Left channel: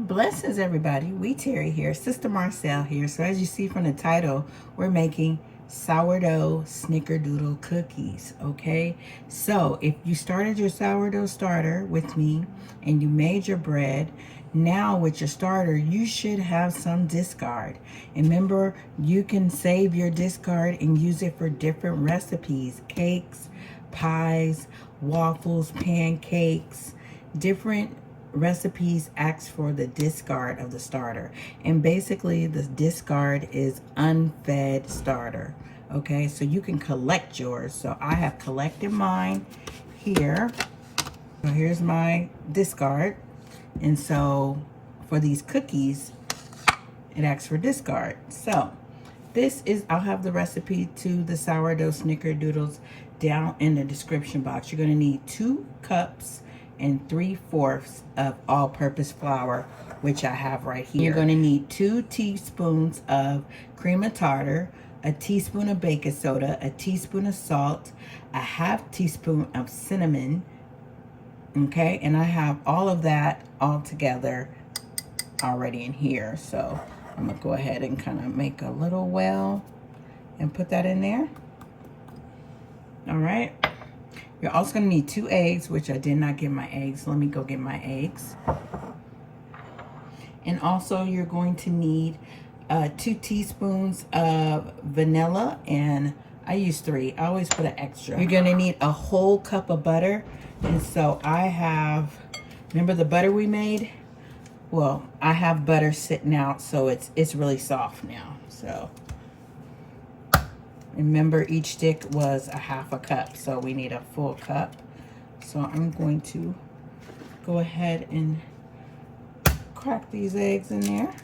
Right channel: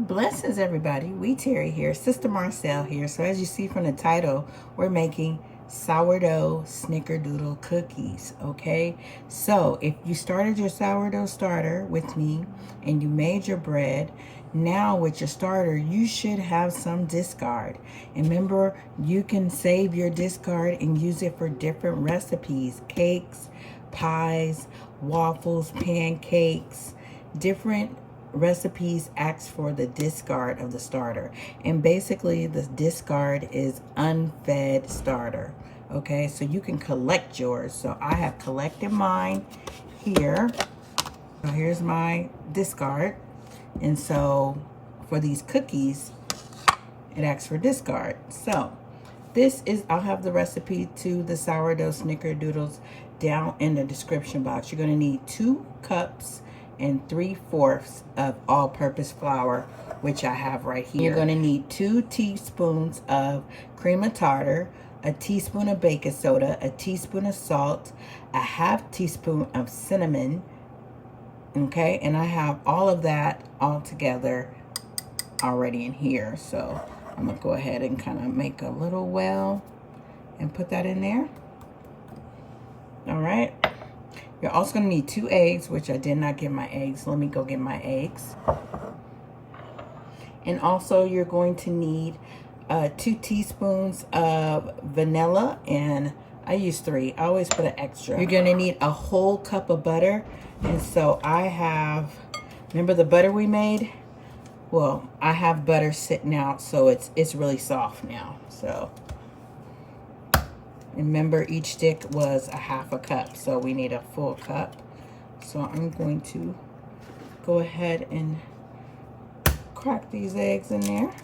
Blessings, everybody. Terry here, Sister Marcel here. So as you see from the title, we're making sourdough snickerdoodle cookies. Okay, so if you started your sourdough starter with me and you made your bread, now with your starter you should have some discard. And remember, you can save your discard and use it for different recipes: cakes, pies, waffles, pancakes, different recipes ask for the discard of the starter. And basically the discard is unfed starter. Okay, so you can collect yours. So I have collected mine here. So here's my discard. And so for these cookies, it asks for discard. So this is, I'll have the recipe to the sourdough snickerdoodles down in the description box. You're going to need 2 cups and 3/4 of all-purpose flour, which I have right here. You're going to need 2 teaspoons of cream of tartar, a teaspoon of baking soda, a teaspoon of salt, a 1/2 teaspoon of cinnamon. Okay, and I have all of that all together already in here. So I'm gonna go ahead and kind of make a little well and put that in there. All right. You're also going to need 2 eggs, which I did not get my eggs. Let me go get my eggs. And also you're going to need 2 teaspoons of vanilla, and I use 3. I always put an extra. You're going to need a whole cup of butter. And so I have, remember the butter we made? Well, I have butter sitting out, so it's really soft now. So remember, each stick was a 1/2 cup, so we need a full cup. So I'm going to go ahead and crack these eggs in there.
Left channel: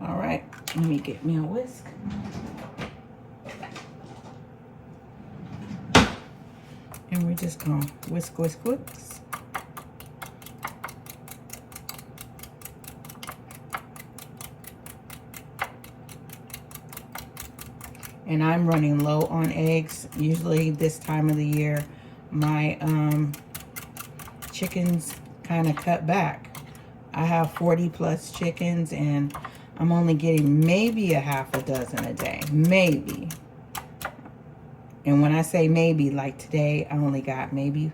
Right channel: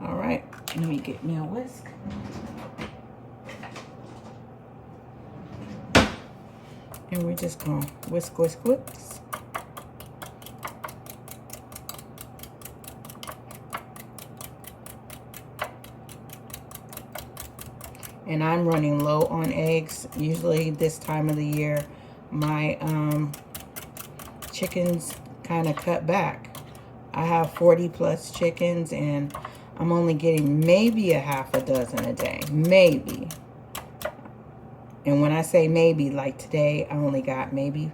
All right, let me get me a whisk. And we're just gonna whisk, whisk, whisk. And I'm running low on eggs. Usually this time of the year, my chickens kind of cut back. I have 40+ chickens, and I'm only getting maybe a 1/2 dozen a day, maybe. And when I say maybe, like today, I only got maybe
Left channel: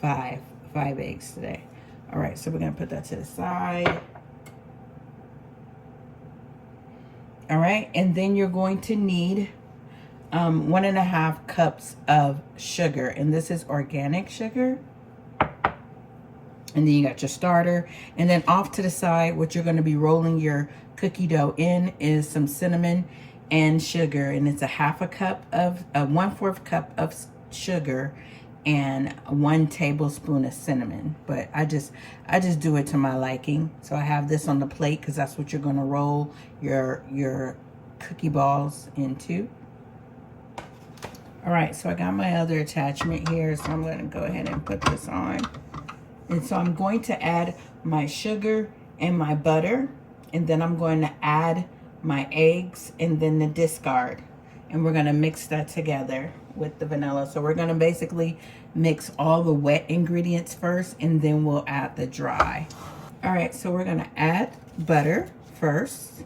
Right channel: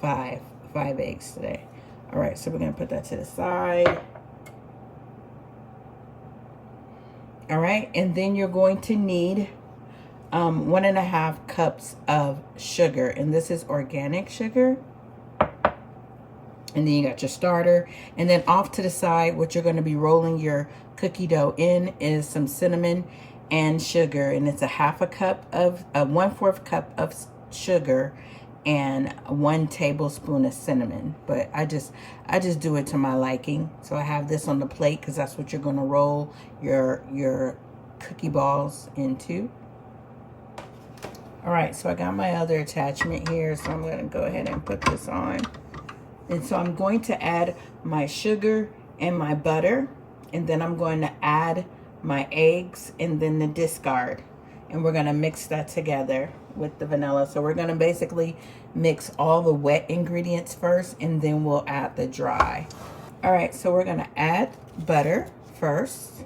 5 eggs today. All right, so we're gonna put that to the side. All right, and then you're going to need 1.5 cups of sugar, and this is organic sugar. And then you got your starter, and then off to the side, what you're going to be rolling your cookie dough in is some cinnamon and sugar, and it's a 1/2 cup of 1/4 cup of sugar and 1 tablespoon of cinnamon. But I just do it to my liking. So I have this on the plate because that's what you're going to roll your cookie balls into. All right, so I got my other attachment here, so I'm going to go ahead and put this on. And so I'm going to add my sugar and my butter, and then I'm going to add my eggs and then the discard. And we're going to mix that together with the vanilla. So we're going to basically mix all the wet ingredients first, and then we'll add the dry. All right, so we're going to add butter first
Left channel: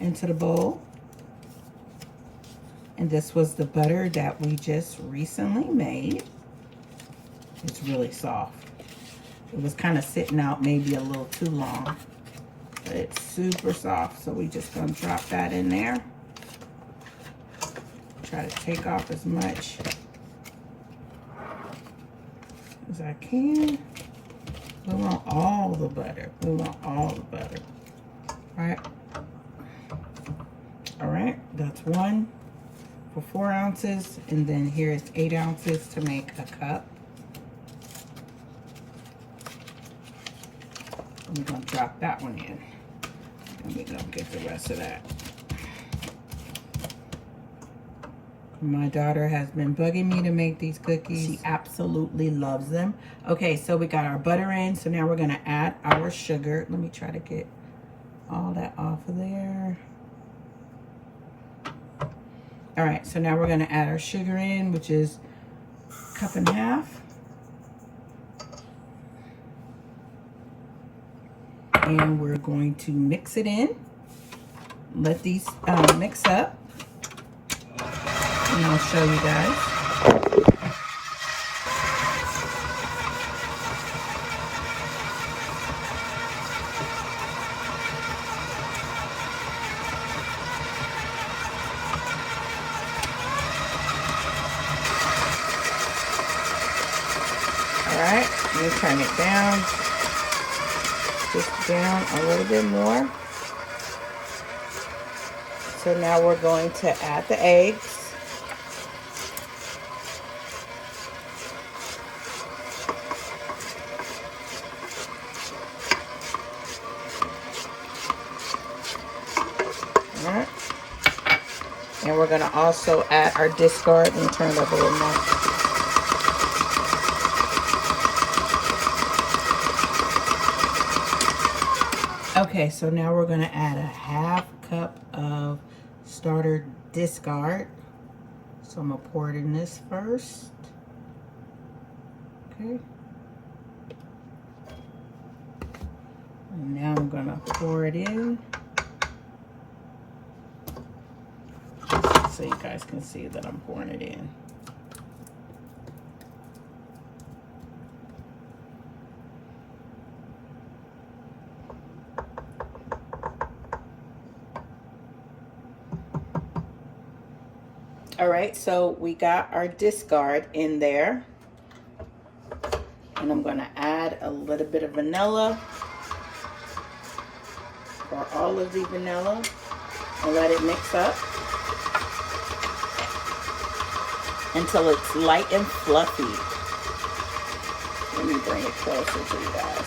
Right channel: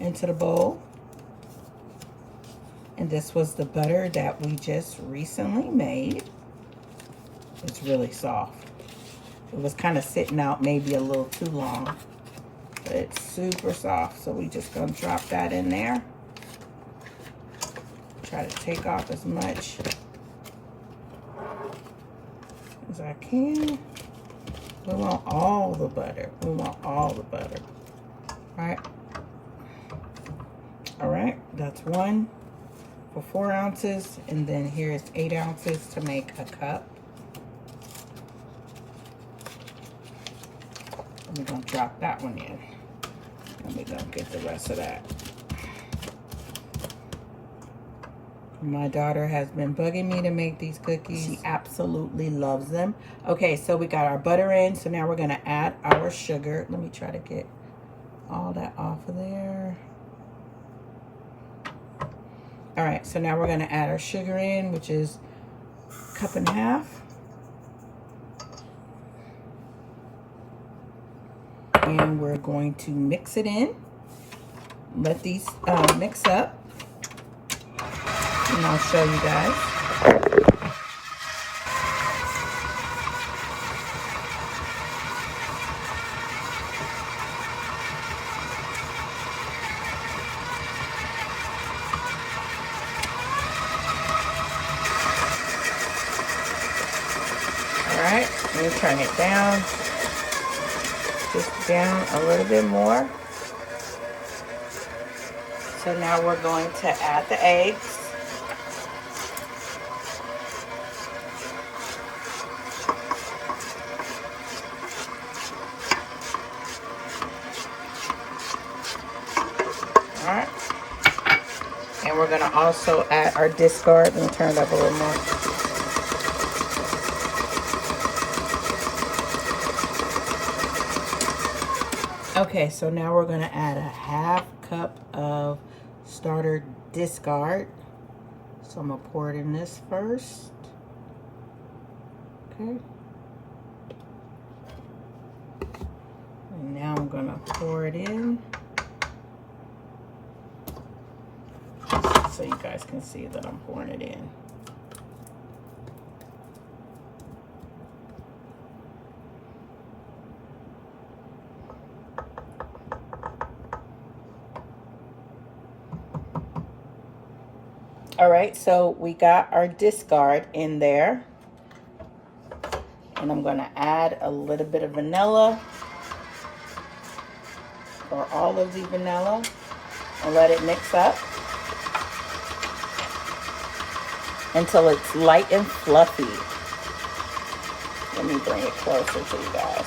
into the bowl. And this was the butter that we just recently made. It's really soft. It was kind of sitting out maybe a little too long, but it's super soft. So we just gonna drop that in there. Try to take off as much as I can. We want all the butter. We want all the butter. All right. All right, that's 1 for 4 ounces, and then here's 8 ounces to make a cup. We're gonna drop that one in, and we're gonna get the rest of that. My daughter has been bugging me to make these cookies. She absolutely loves them. Okay, so we got our butter in, so now we're gonna add our sugar. Let me try to get all that off of there. All right, so now we're gonna add our sugar in, which is 1.5 cups. And we're going to mix it in. Let these mix up. And I'll show you guys. Alright, we'll turn it down. Just down a little bit more. So now we're going to add the eggs. Alright. And we're going to also add our discard and turn it up a little more. Okay, so now we're going to add a ½ cup of starter discard. So I'm going to pour it in this first. Okay. And now I'm going to pour it in. So you guys can see that I'm pouring it in. All right, so we got our discard in there. And I'm gonna add a little bit of vanilla, or all of the vanilla, and let it mix up until it's light and fluffy. Let me bring it closer to you guys.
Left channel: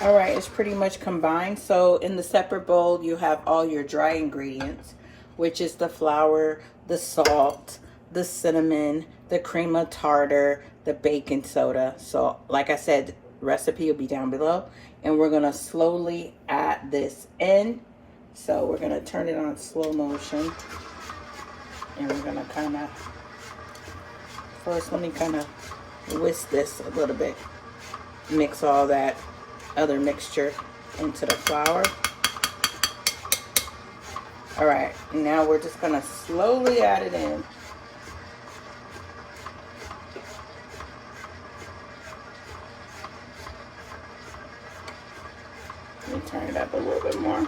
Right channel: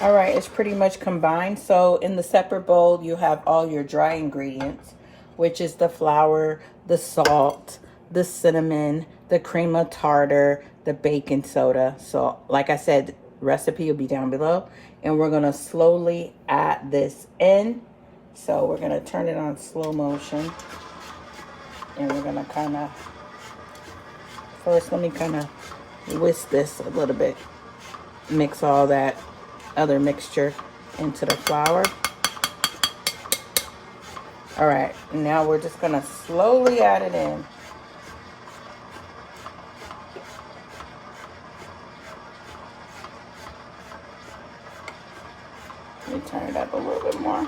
All right, it's pretty much combined. So in the separate bowl, you have all your dry ingredients, which is the flour, the salt, the cinnamon, the cream of tartar, the baking soda. So like I said, recipe will be down below. And we're gonna slowly add this in. So we're gonna turn it on slow motion. And we're gonna kind of, first let me kind of whisk this a little bit. Mix all that other mixture into the flour. All right, now we're just gonna slowly add it in. Let me turn it up a little bit more.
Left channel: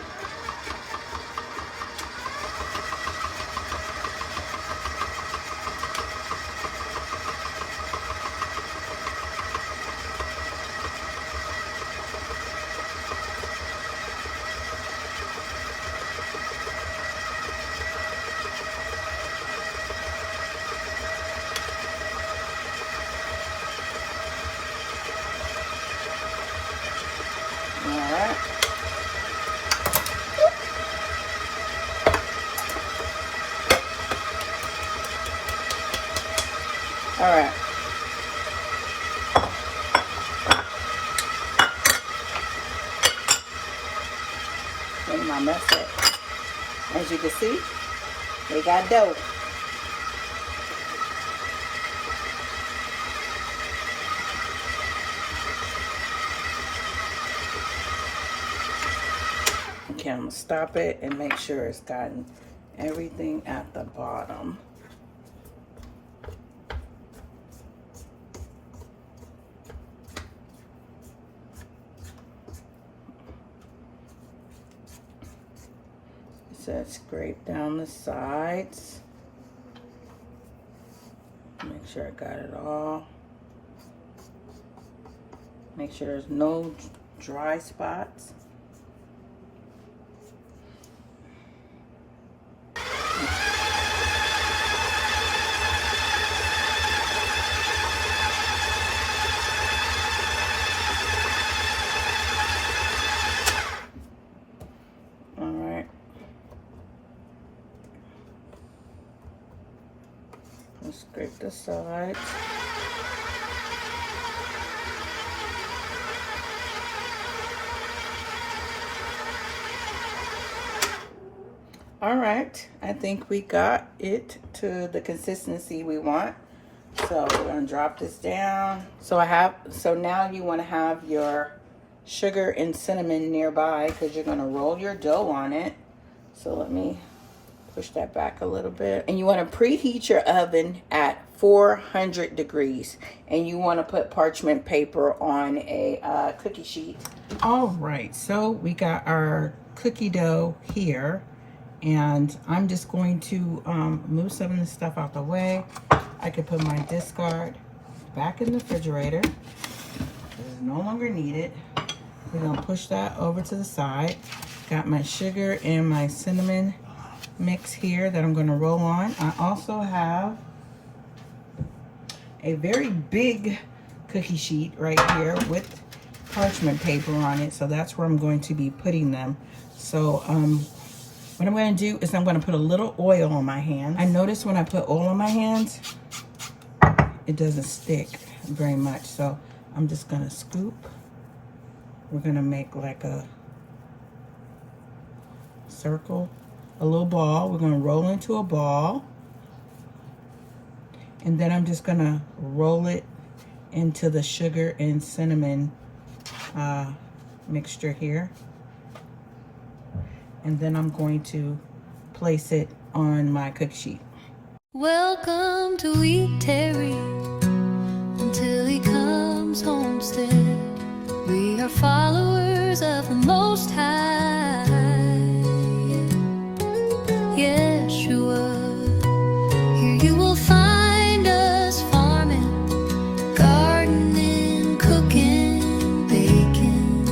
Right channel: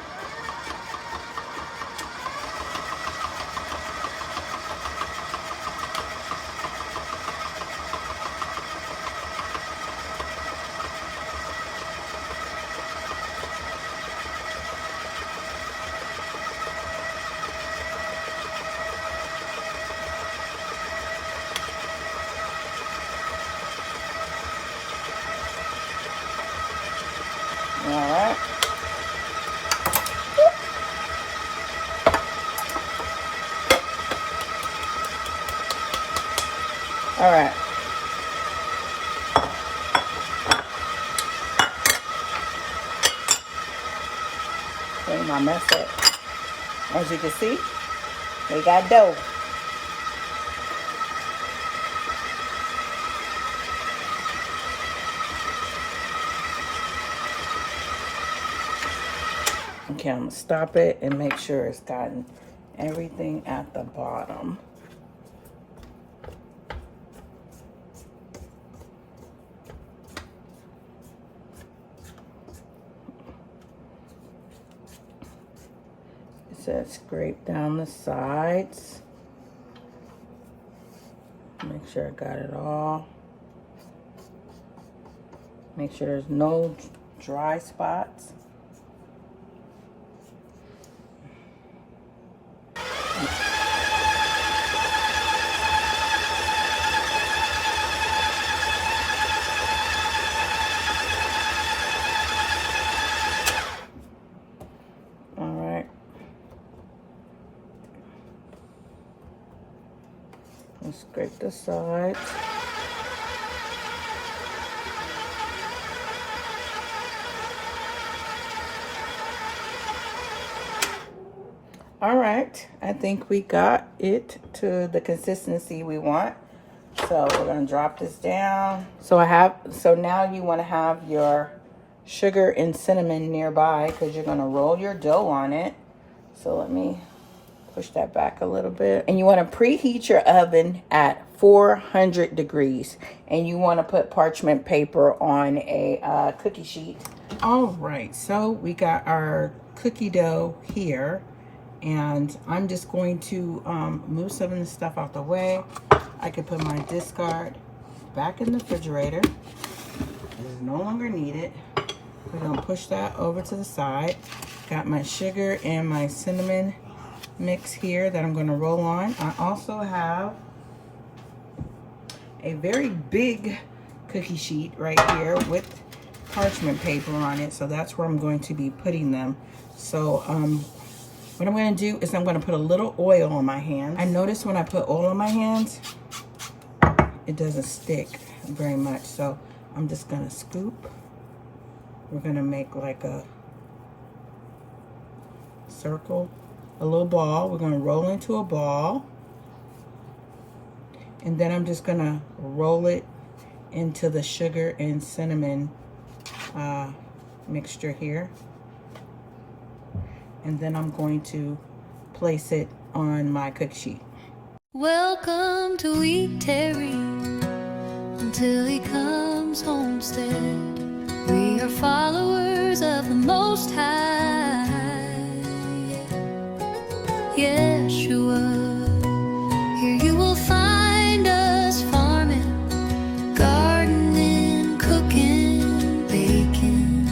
Alright. Alright. Clean my mess up. As you can see, we got dough. Okay, I'm gonna stop it and make sure it's gotten everything at the bottom. It says scrape down the sides. Make sure I got it all. Make sure there's no dry spots. Scrape the sides. All right, I think we got it to the consistency we want. So we're gonna drop this down. So now you wanna have your sugar and cinnamon nearby because you're gonna roll your dough on it. So let me push that back a little bit. And you wanna preheat your oven at 400 degrees. And you wanna put parchment paper on a cookie sheet. All right, so we got our cookie dough here. And I'm just going to move some of this stuff out the way. I could put my discard back in the refrigerator. It is no longer needed. We're gonna push that over to the side. Got my sugar and my cinnamon mix here that I'm gonna roll on. I also have a very big cookie sheet right here with parchment paper on it. So that's where I'm going to be putting them. So what I'm going to do is I'm going to put a little oil on my hand. I notice when I put oil on my hands, it doesn't stick very much. So I'm just going to scoop. We're going to make like a circle, a little ball. We're going to roll into a ball. And then I'm just going to roll it into the sugar and cinnamon mixture here. And then I'm going to place it on my cookie sheet. Welcome to Eat Tarry until he comes homestead. We are followers of the Most High. Yeshua, here you will find us farming, gardening, cooking, baking,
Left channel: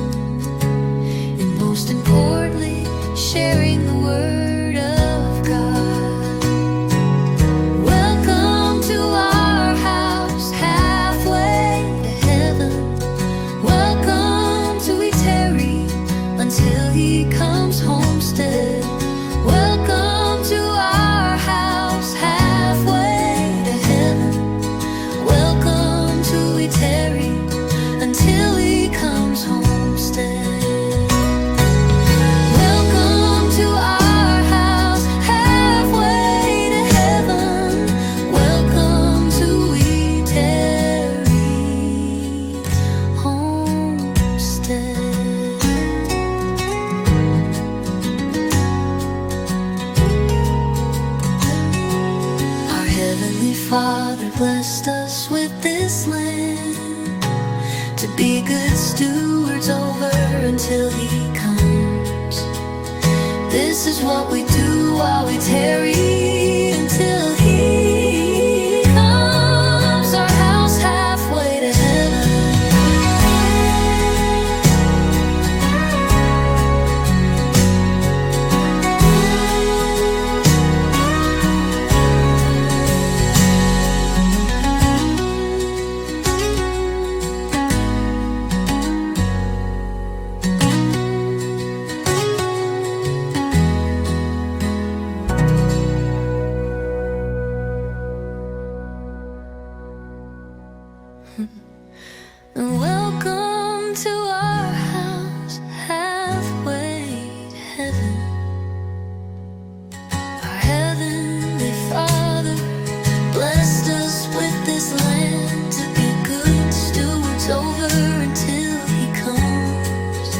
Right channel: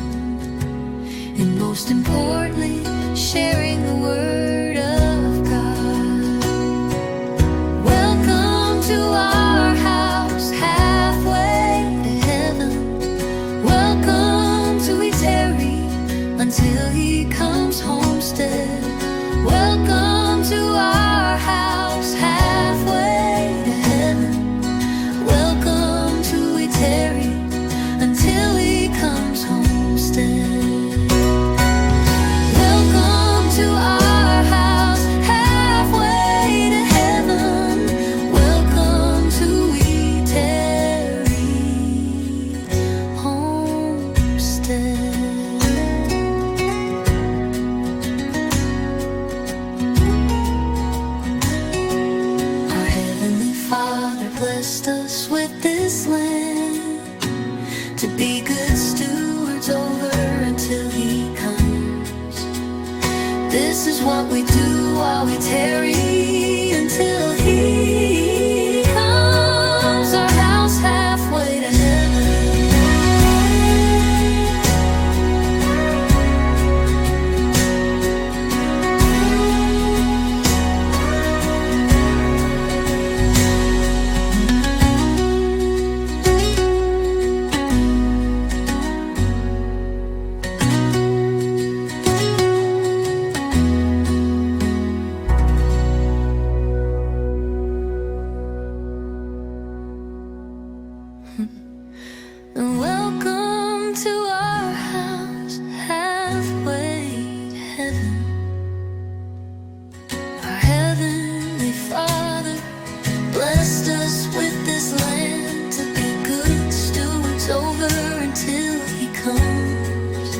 and most importantly, sharing the word of God. Welcome to our house, halfway to heaven. Welcome to Eat Tarry until he comes homestead. Welcome to our house, halfway to heaven. Welcome to Eat Tarry until he comes homestead. Blessed us with this land to be good stewards over until he comes. This is what we do while we tarry until he comes. Our house halfway to heaven. And welcome to our house, halfway to heaven. Our heavenly Father blessed us with this land to be good stewards over until he comes.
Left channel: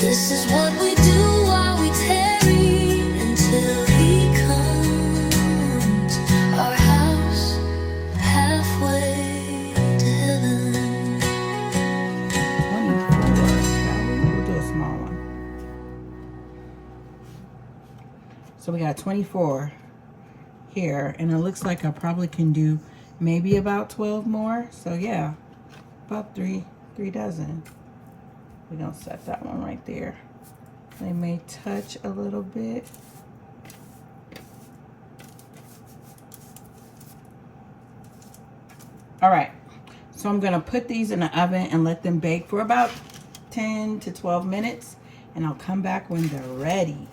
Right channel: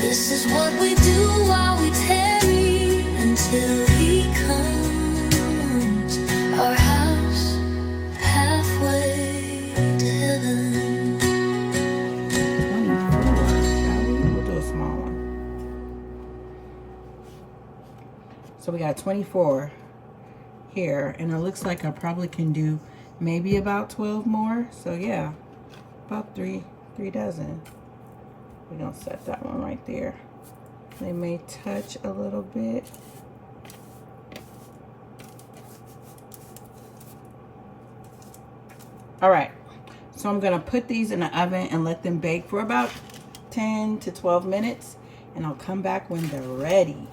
This is what we do while we tarry until he comes. Our house halfway to heaven. So we got 24 here, and it looks like I probably can do maybe about 12 more. So yeah, about three dozen. We're gonna set that one right there. They may touch a little bit. All right, so I'm gonna put these in the oven and let them bake for about 10 to 12 minutes, and I'll come back when they're ready.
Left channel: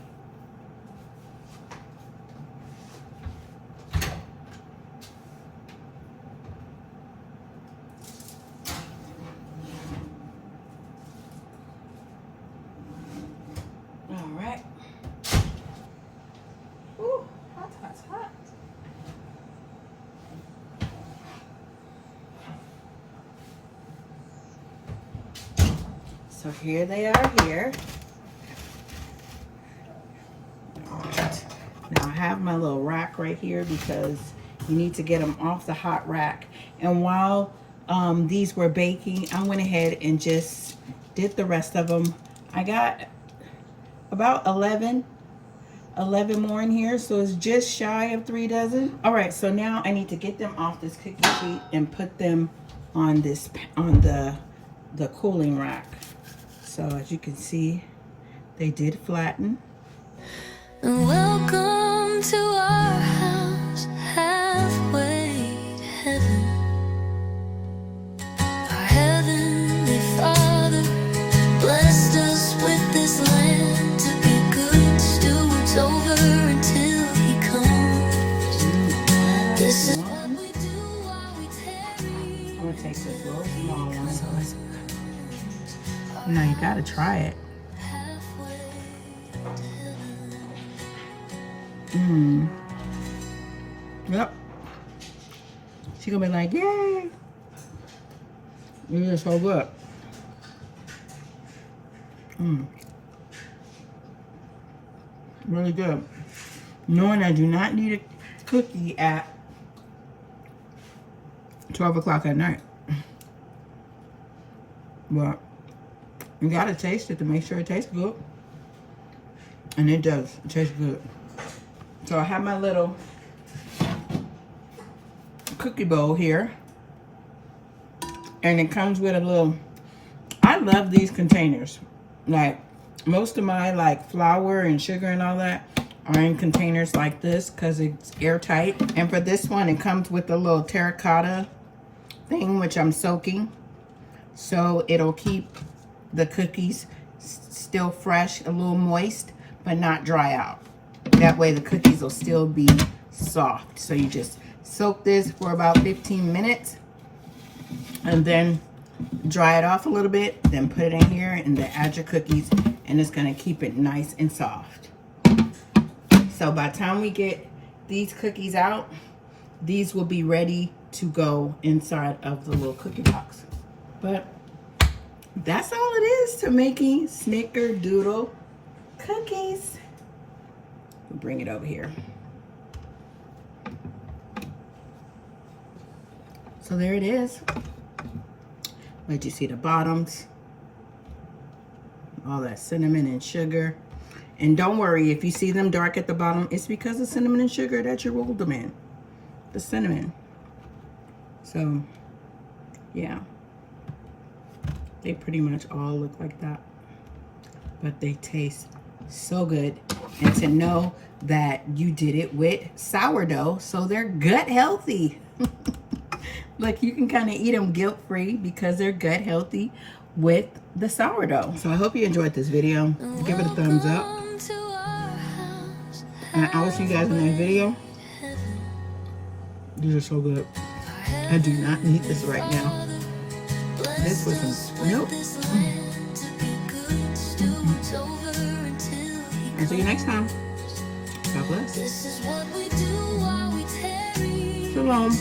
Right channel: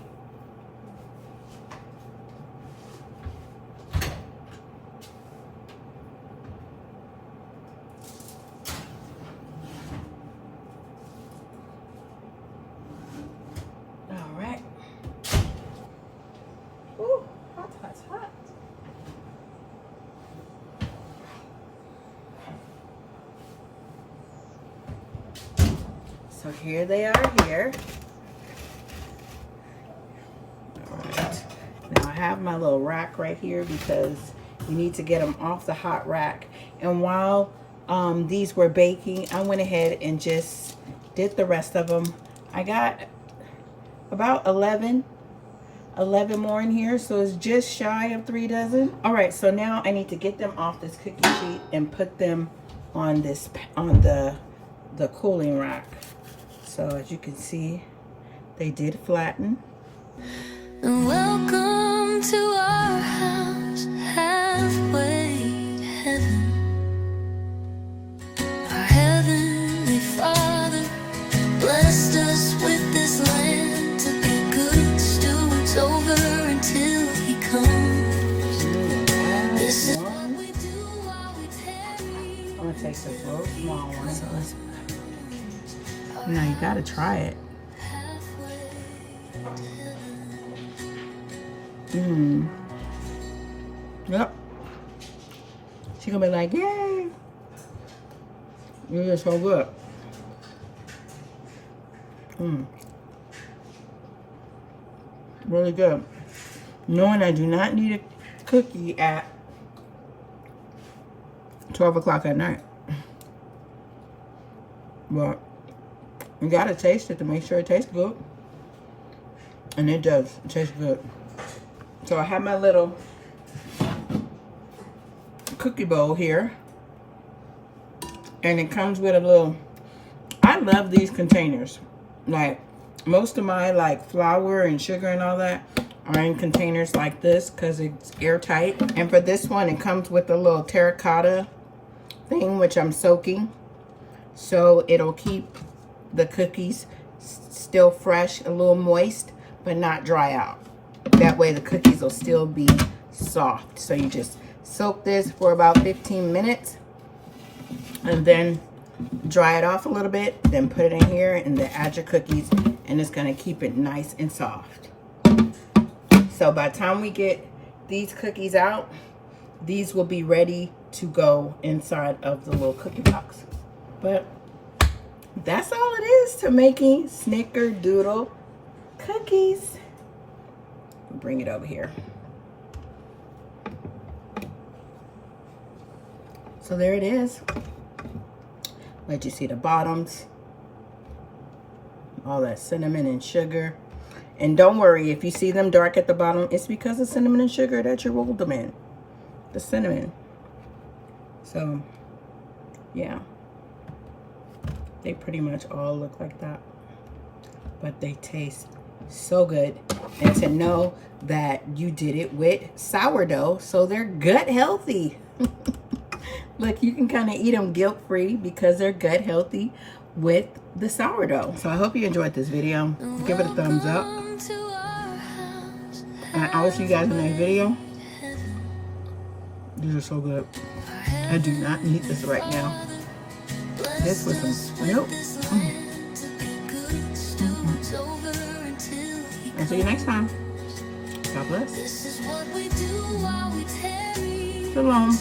So here they are here. All right. Now I have my little rack right here because you need to get them off the hot rack. And while these were baking, I went ahead and just did the rest of them. I got about 11 more in here, so it's just shy of 3 dozen. All right, so now I need to get them off this cookie sheet and put them on this, on the cooling rack. So as you can see, they did flatten. And welcome to our house, halfway to heaven. Our heavenly Father blessed us with this land to be good stewards over until He comes. This is what we do while we tarry. I'm gonna take this little small one. Now you gotta try it. Yep. She's gonna be like, yay! You're just so good. Really good. Knowing I do not need a cookie at 12 o'clock at night. But you gotta taste it to make sure it tastes good. And it does. It tastes good. So I have my little cookie bowl here. And it comes with a little, I love these containers. Like most of my like flour and sugar and all that are in containers like this because it's airtight. And for this one, it comes with a little terracotta thing, which I'm soaking. So it'll keep the cookies still fresh, a little moist, but not dry out. That way the cookies will still be soft. So you just soak this for about 15 minutes and then dry it off a little bit, then put it in here and then add your cookies, and it's gonna keep it nice and soft. So by the time we get these cookies out, these will be ready to go inside of the little cookie box. But that's all it is to making snickerdoodle cookies. Bring it over here. So there it is. Let you see the bottoms. All that cinnamon and sugar. And don't worry, if you see them dark at the bottom, it's because of cinnamon and sugar that you rolled them in. The cinnamon. So, yeah. They pretty much all look like that. But they taste so good. And to know that you did it with sourdough, so they're gut healthy. Look, you can kind of eat them guilt-free because they're gut healthy with the sourdough. So I hope you enjoyed this video. Give it a thumbs up. And I will see you guys in the next video. These are so good. I do not need this right now. This with some milk. And see you next time. God bless. Shalom.